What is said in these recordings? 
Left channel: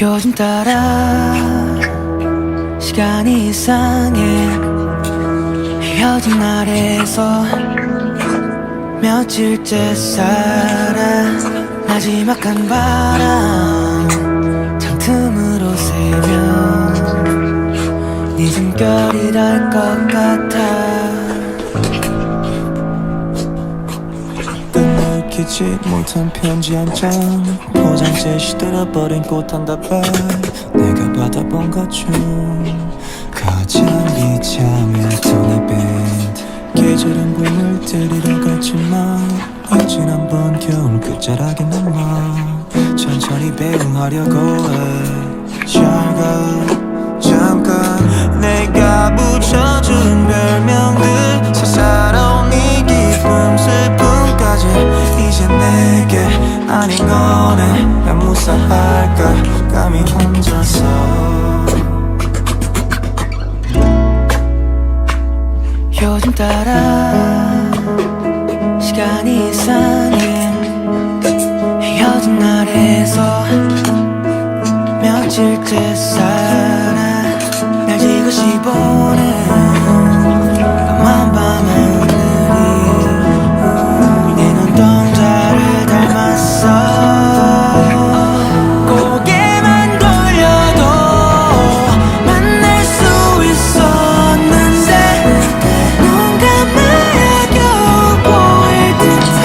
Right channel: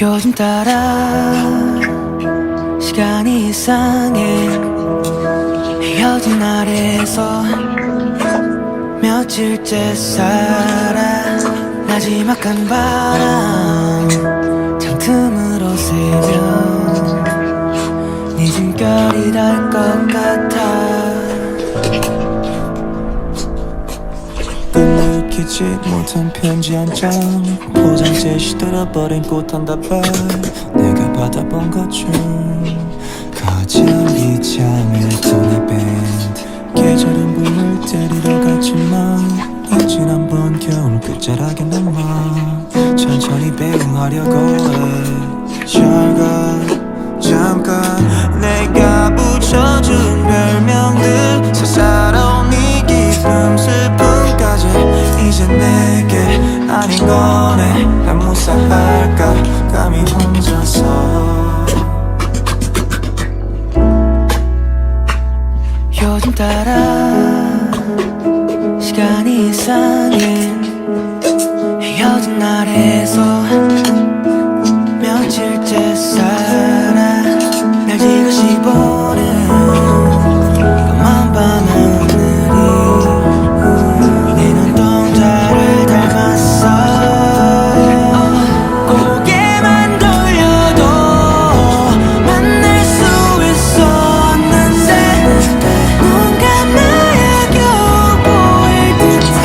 요즘 따라 시간이 이상해. 헤어진 날에서 며칠째 살아. 나지막한 바람 창틈으로 새면 네 숨결이 닿을 것 같아. 끝내키지 못한 편지 한 장, 포장지에 시들어버린 꽃 한 다발, 내가 받아본 것 중 가장 비참했던 이 밴드. 계절은 봄을 데리러 갔지만 난 지난번 겨울 끝자락에 남아 천천히 배웅하려고 해. 잘 가 잠깐. 내가 붙여준 별명들 사사로운 이 기쁨 슬픔까지 이제 내게 아닌 거네. 난 무사할까 감히 혼자서. 요즘 따라 시간이 이상해. 헤어진 날에서 며칠째 살아. 날 지그시 보는 까만 밤하늘이 네 눈동자를 닮았어. 고개만 돌려도 만날 수 있었는데 눈 감아야 겨우 보일 듯해.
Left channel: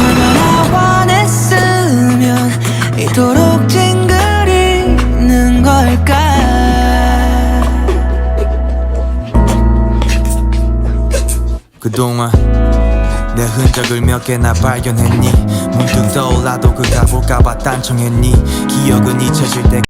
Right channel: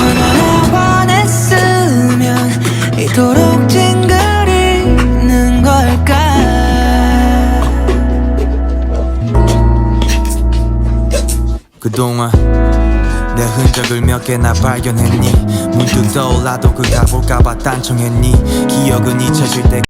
얼마나 화냈으면 이토록 찡그리는 걸까. 그동안 내 흔적을 몇 개나 발견했니? 문득 떠올라도 그가 볼까봐 딴청했니? 기억은 잊혀질 때